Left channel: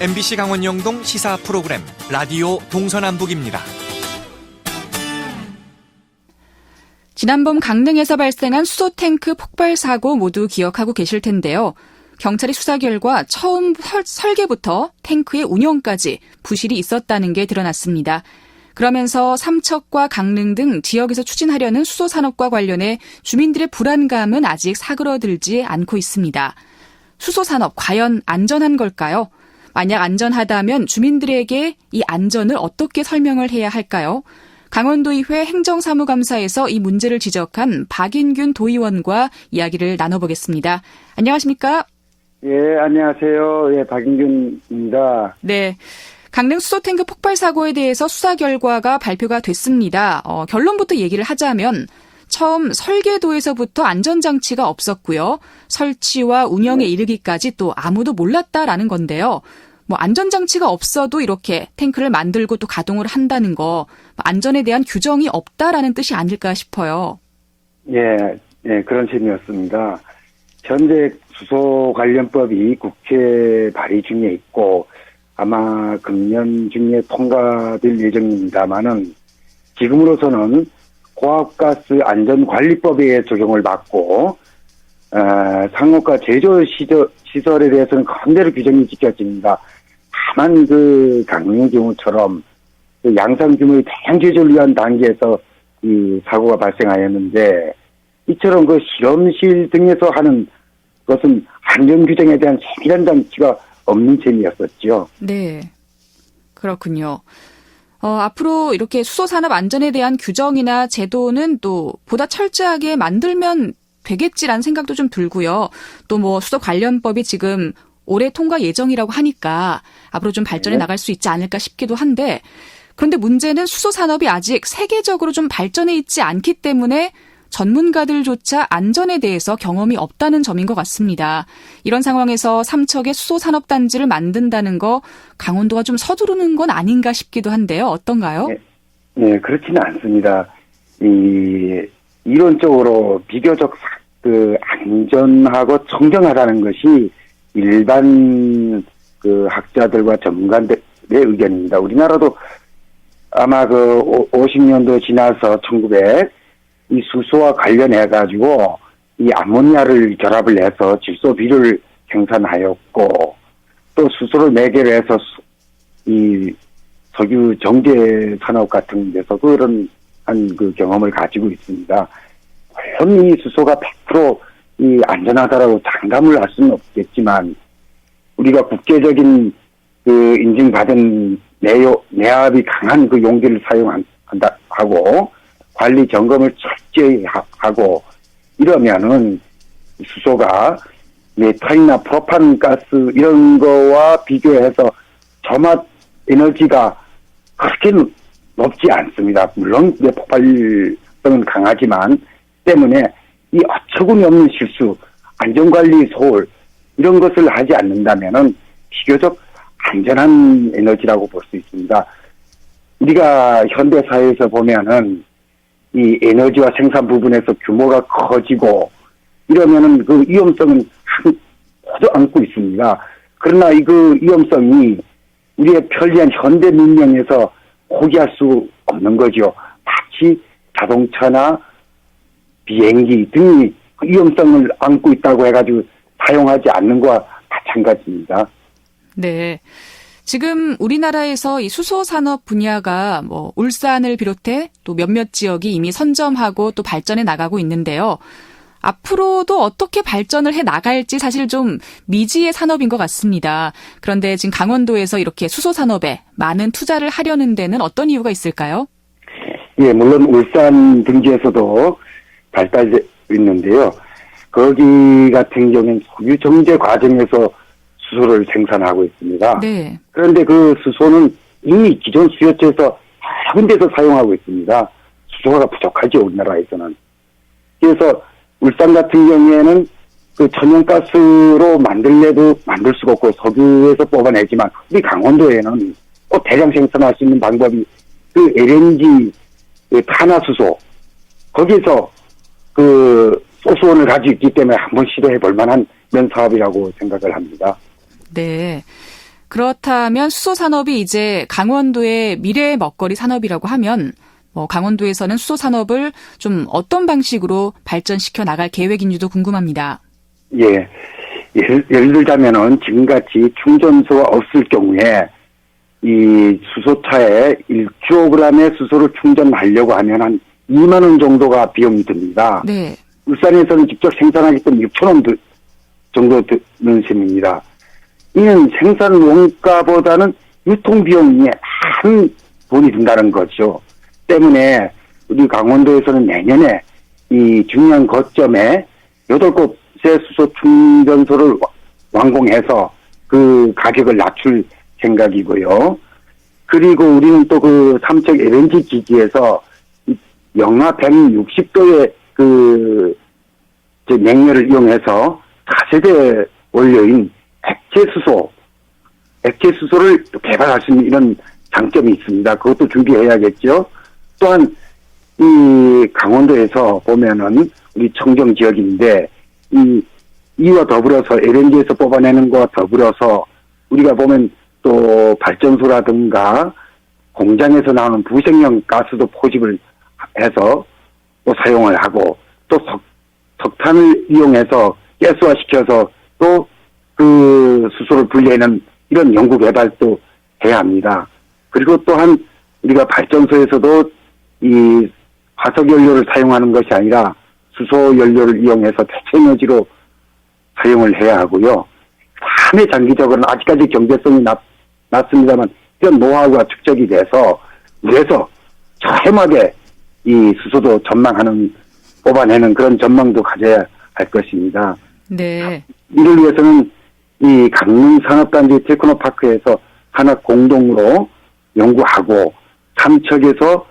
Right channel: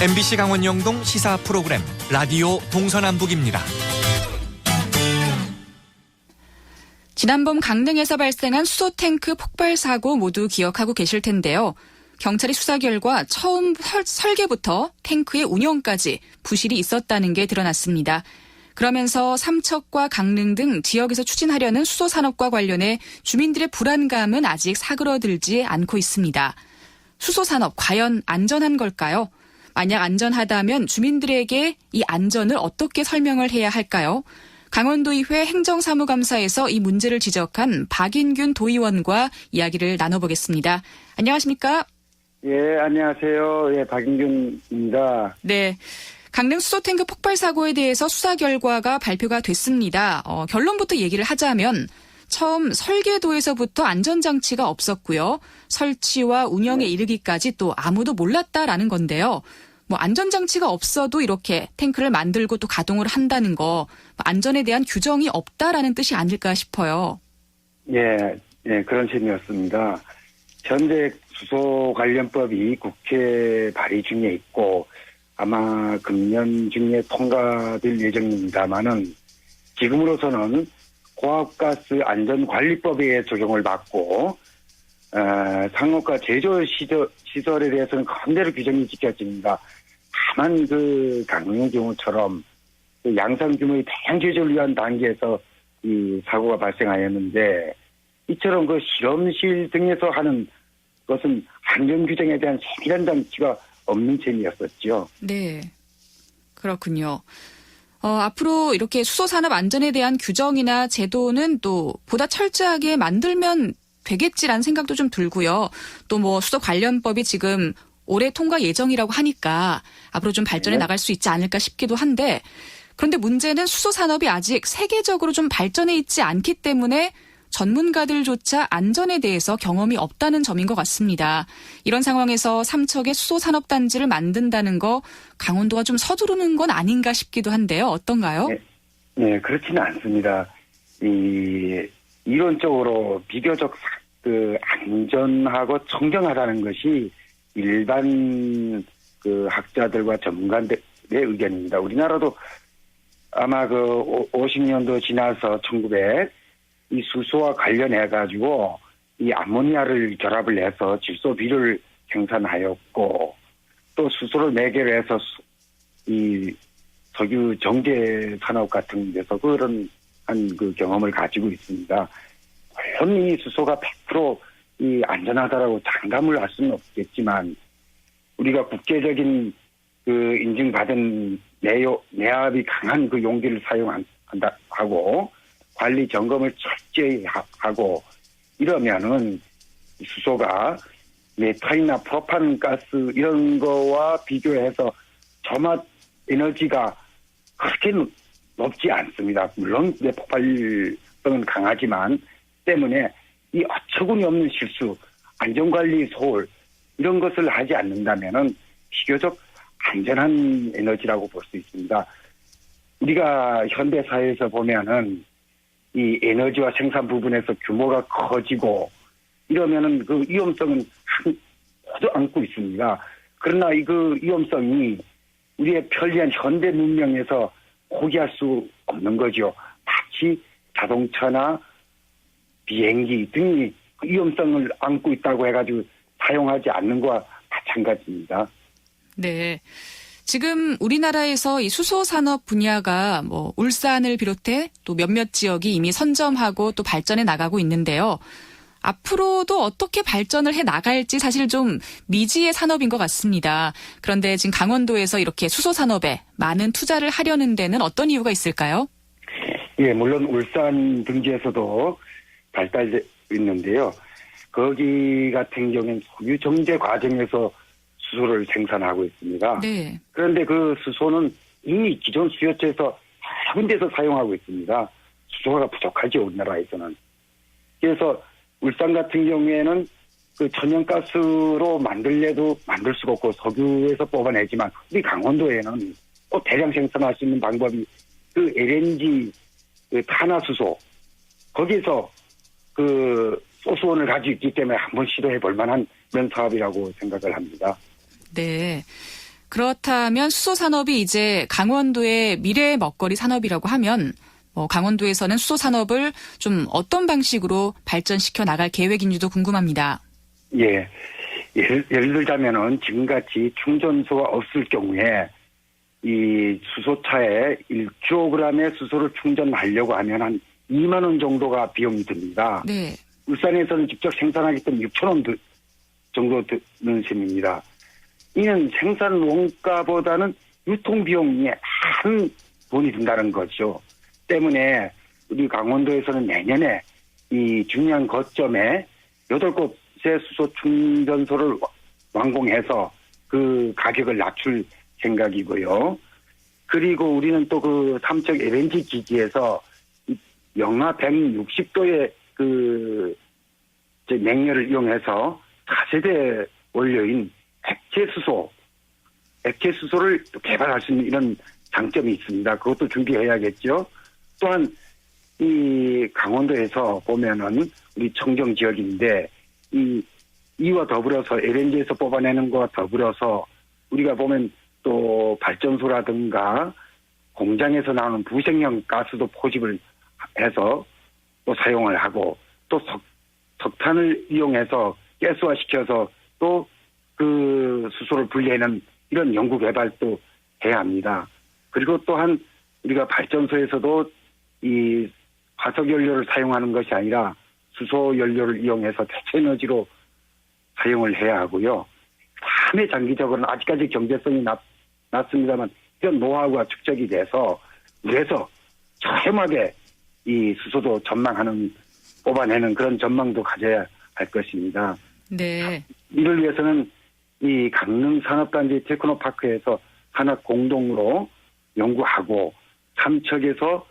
MBC 강원 영동 시사 프로그램 라디오 동서남북입니다. 지난봄 강릉에서 발생한 수소탱크 폭발 사고 모두 기억하고 계실 텐데요. 경찰의 수사 결과 처음 설계부터 탱크의 운영까지 부실이 있었다는 게 드러났습니다. 그러면서 삼척과 강릉 등 지역에서 추진하려는 수소산업과 관련해 주민들의 불안감은 아직 사그러들지 않고 있습니다. 수소산업 과연 안전한 걸까요? 만약 안전하다면 주민들에게 이 안전을 어떻게 설명을 해야 할까요? 강원도의회 행정사무감사에서 이 문제를 지적한 박인균 도의원과 이야기를 나눠보겠습니다. 안녕하십니까? 예, 안녕하세요. 예, 박인균입니다. 네. 강릉 수소탱크 폭발 사고에 대해서 수사 결과가 발표가 됐습니다. 결론부터 얘기를 하자면 처음 설계도에서부터 안전장치가 없었고요. 설치와 운영에 이르기까지 또 아무도 몰랐다라는 건데요. 안전장치가 없어도 이렇게 탱크를 만들고 또 가동을 한다는 거, 안전에 대한 규정이 없다라는 뜻이 아닐까 싶어요. 예, 그런 셈이었습니다. 현재 수소 관련법이 국회 발의 중에 있고 아마 금년 중에 통과될 예정입니다만은 지금으로서는 고압가스 안전관리법에 적용을 받고 상호가 제조 시설에 대해서는 강제로 규정이 지켜집니다. 다만 그 강릉의 경우처럼 그 양산 규모의 대량 제조를 위한 단계에서 이 사고가 발생하였는데 이처럼 그 실험실 등에서 하는 것은 안전 규정에 대한 세밀한 장치가 없는 셈이었었죠. 네, 그렇군요. 앞으로 이렇게 수소산업 안전에 대한 규정이나 제도는 또 보다 철저하게 만들면 되겠지라는 생각도 좀 들고요. 또 수소 관련법이 지금 올해 통과 예정이라고 하니까 앞으로 좀 발전해 나갈 수 있지 않을까 싶기도 한데, 그런데 문제는 수소 산업이 아직 세계적으로 좀 발전해 있지 않기 때문에 전문가들조차 안전에 대해서 경험이 없다는 점인 것 같습니다. 이런 상황에서 삼척에 수소 산업 단지를 만든다는 거 강원도가 좀 서두르는 건 아닌가 싶기도 한데요. 어떤가요? 네, 그렇지는 않습니다. 이론적으로 비교적 안전하고 청정하다는 것이 일반 학자들과 전문가들의 의견입니다. 우리나라도 아마 50년도 지나서 1900 이 수소와 관련해가지고 이 암모니아를 결합을 해서 질소 비료를 생산하였고 또 수소를 매개로 해서 이 석유 정제 산업 같은 데서도 그런 그 경험을 가지고 있습니다. 물론 이 수소가 100% 이 안전하다라고 장담을 할 수는 없겠지만 우리가 국제적인 그 인증받은 내압이 강한 그 용기를 사용한다 하고 관리 점검을 철저히 하고 이러면은 수소가 메탄이나 프로판 가스 이런 거와 비교해서 저맛 에너지가 그렇게 높지 않습니다. 물론 폭발성은 강하지만 때문에 이 어처구니 없는 실수, 안전관리 소홀 이런 것을 하지 않는다면은 비교적 안전한 에너지라고 볼 수 있습니다. 우리가 현대 사회에서 보면은 이 에너지와 생산 부분에서 규모가 커지고 이러면은 그 위험성은 모두 안고 있습니다. 그러나 그 위험성이 우리의 편리한 현대 문명에서 포기할 수 없는 거죠. 마치 자동차나 비행기 등이 위험성을 안고 있다고 해가지고 사용하지 않는 것과 마찬가지입니다. 네. 지금 우리나라에서 이 수소 산업 분야가 울산을 비롯해 또 몇몇 지역이 이미 선점하고 또 발전해 나가고 있는데요. 앞으로도 어떻게 발전을 해 나갈지 사실 좀 미지의 산업인 것 같습니다. 그런데 지금 강원도에서 이렇게 수소 산업에 많은 투자를 하려는 데는 어떤 이유가 있을까요? 예, 물론 울산 등지에서도 발달되어 있는데요. 거기 같은 경우는 석유 정제 과정에서 수소를 생산하고 있습니다. 네. 그런데 그 수소는 이미 기존 수요처에서 여러 군데서 사용하고 있습니다. 수소가 부족하죠, 우리나라에서는. 그래서 울산 같은 경우에는 그 천연가스로 만들래도 만들 수가 없고 석유에서 뽑아내지만 우리 강원도에는 대량 생산할 수 있는 방법이 그 LNG 탄화수소 거기서 소수원을 가지고 있기 때문에 한번 시도해 볼 만한 그런 사업이라고 생각을 합니다. 네. 그렇다면 수소산업이 이제 강원도의 미래의 먹거리 산업이라고 하면 강원도에서는 수소산업을 좀 어떤 방식으로 발전시켜 나갈 계획인지도 궁금합니다. 예. 예를 들자면은 지금같이 충전소가 없을 경우에 이 수소차에 1kg의 수소를 충전하려고 하면 한 2만 원 정도가 비용이 듭니다. 네. 울산에서는 직접 생산하기 때문에 6천 원 정도 드는 셈입니다. 이는 생산 원가보다는 유통 비용이 큰 돈이 든다는 거죠. 때문에 우리 강원도에서는 내년에 이 중요한 거점에 8곳의 수소 충전소를 완공해서 그 가격을 낮출 생각이고요. 그리고 우리는 또 그 삼척 LNG 기지에서 영하 160도의 냉열을 이용해서 4세대 원료인 액체수소를 또 개발할 수 있는 이런 장점이 있습니다. 그것도 준비해야겠죠. 또한 이 강원도에서 보면은 우리 청정 지역인데 이와 더불어서 LNG에서 뽑아내는 것과 더불어서 우리가 보면 또 발전소라든가 공장에서 나오는 부생형 가스도 포집을 해서 또 사용을 하고 또 석탄을 이용해서 가스화시켜서 또 그 수소를 분리하는 이런 연구 개발도 해야 합니다. 그리고 또한 우리가 발전소에서도 이 화석 연료를 사용하는 것이 아니라 수소 연료를 이용해서 대체 에너지로 사용을 해야 하고요. 다음에 장기적으로는 아직까지 경제성이 낮습니다만 이런 노하우가 축적이 돼서 그래서 저렴하게 이 수소도 뽑아내는 그런 전망도 가져야 할 것입니다. 네. 이를 위해서는 이 강릉산업단지 테크노파크에서 하나 공동으로 연구하고 삼척에서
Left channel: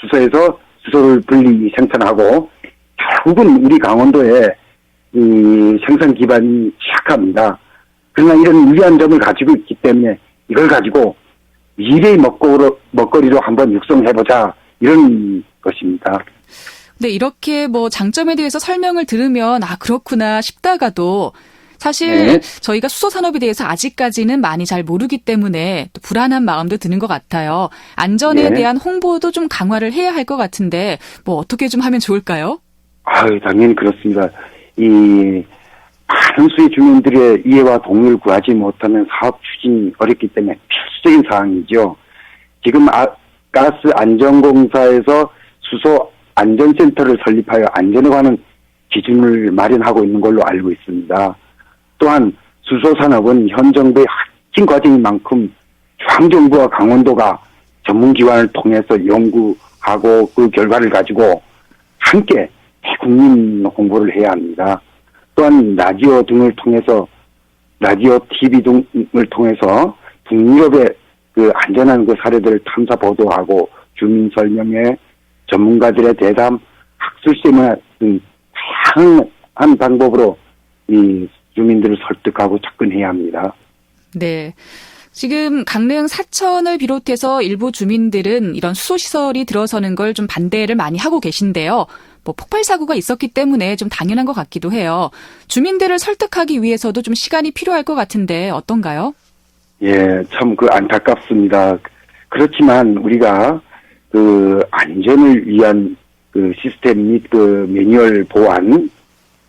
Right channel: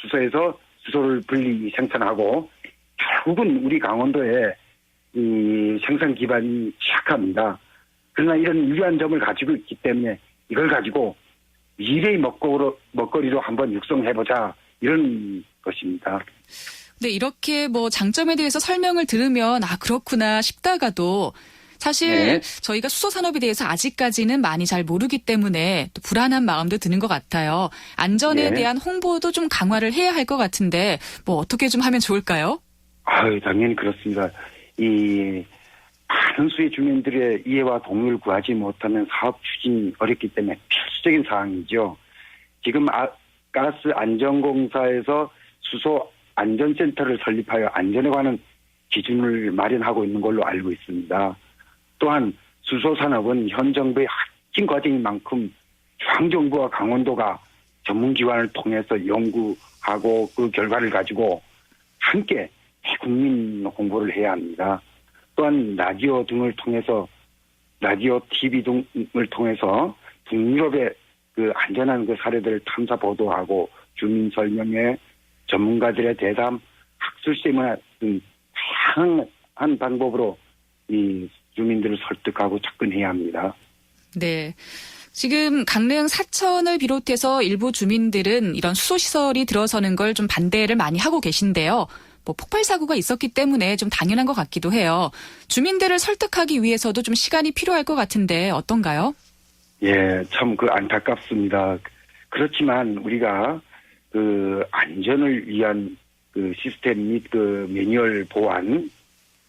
수소에서 수소를 분리 생산하고 결국은 우리 강원도에 이 생산 기반이 취약합니다. 그러나 이런 유리한 점을 가지고 있기 때문에 이걸 가지고 미래의 먹거리로 한번 육성해보자 이런 것입니다. 근데 이렇게 장점에 대해서 설명을 들으면 그렇구나 싶다가도 사실 네. 저희가 수소 산업에 대해서 아직까지는 많이 잘 모르기 때문에 또 불안한 마음도 드는 것 같아요. 안전에 네. 대한 홍보도 좀 강화를 해야 할 것 같은데 어떻게 좀 하면 좋을까요? 당연히 그렇습니다. 이 많은 수의 주민들의 이해와 동의를 구하지 못하면 사업 추진이 어렵기 때문에 필수적인 사항이죠. 지금 가스 안전공사에서 수소 안전센터를 설립하여 안전에 관한 기준을 마련하고 있는 걸로 알고 있습니다. 또한 수소산업은 현 정부의 핵심 과제인 만큼 중앙정부와 강원도가 전문기관을 통해서 연구하고 그 결과를 가지고 함께 대국민 홍보를 해야 합니다. 또한 라디오, TV 등을 통해서 북유럽의 그 안전한 그 사례들을 탐사 보도하고 주민 설명회, 전문가들의 대담, 학술 세미나 등 다양한 방법으로 이 주민들을 설득하고 접근해야 합니다. 네. 지금 강릉 사천을 비롯해서 일부 주민들은 이런 수소시설이 들어서는 걸 좀 반대를 많이 하고 계신데요. 폭발 사고가 있었기 때문에 좀 당연한 것 같기도 해요. 주민들을 설득하기 위해서도 좀 시간이 필요할 것 같은데 어떤가요? 예, 참 안타깝습니다. 그렇지만 우리가 그 안전을 위한 그 시스템 및 그 매뉴얼 보완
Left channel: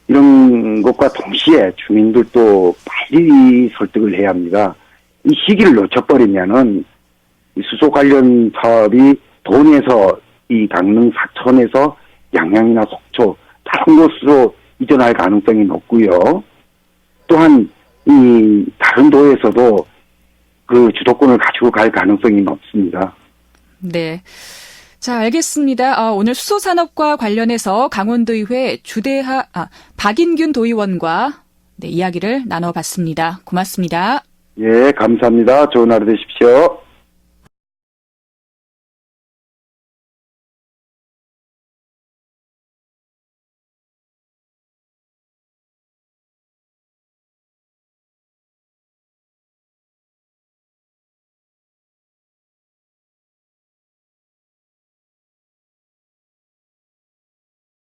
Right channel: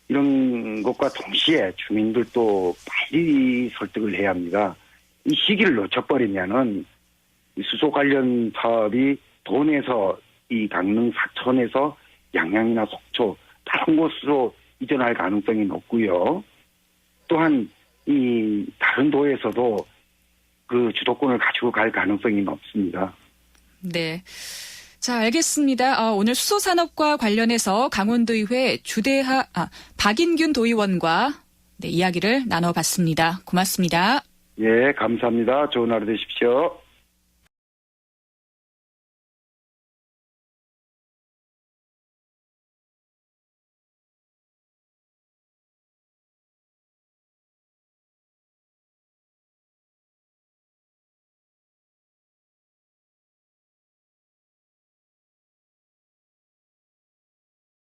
이런 것과 동시에 주민들도 빨리 설득을 해야 합니다. 이 시기를 놓쳐버리면은 이 수소 관련 사업이 도내에서 이 강릉 사천에서 양양이나 속초 다른 곳으로 이전할 가능성이 높고요. 또한 이 다른 도에서도 그 주도권을 가지고 갈 가능성이 높습니다. 네. 자, 알겠습니다. 오늘 수소산업과 관련해서 강원도의회 박인균 도의원과 이야기를 나눠봤습니다. 고맙습니다. 예, 감사합니다. 좋은 하루 되십시오.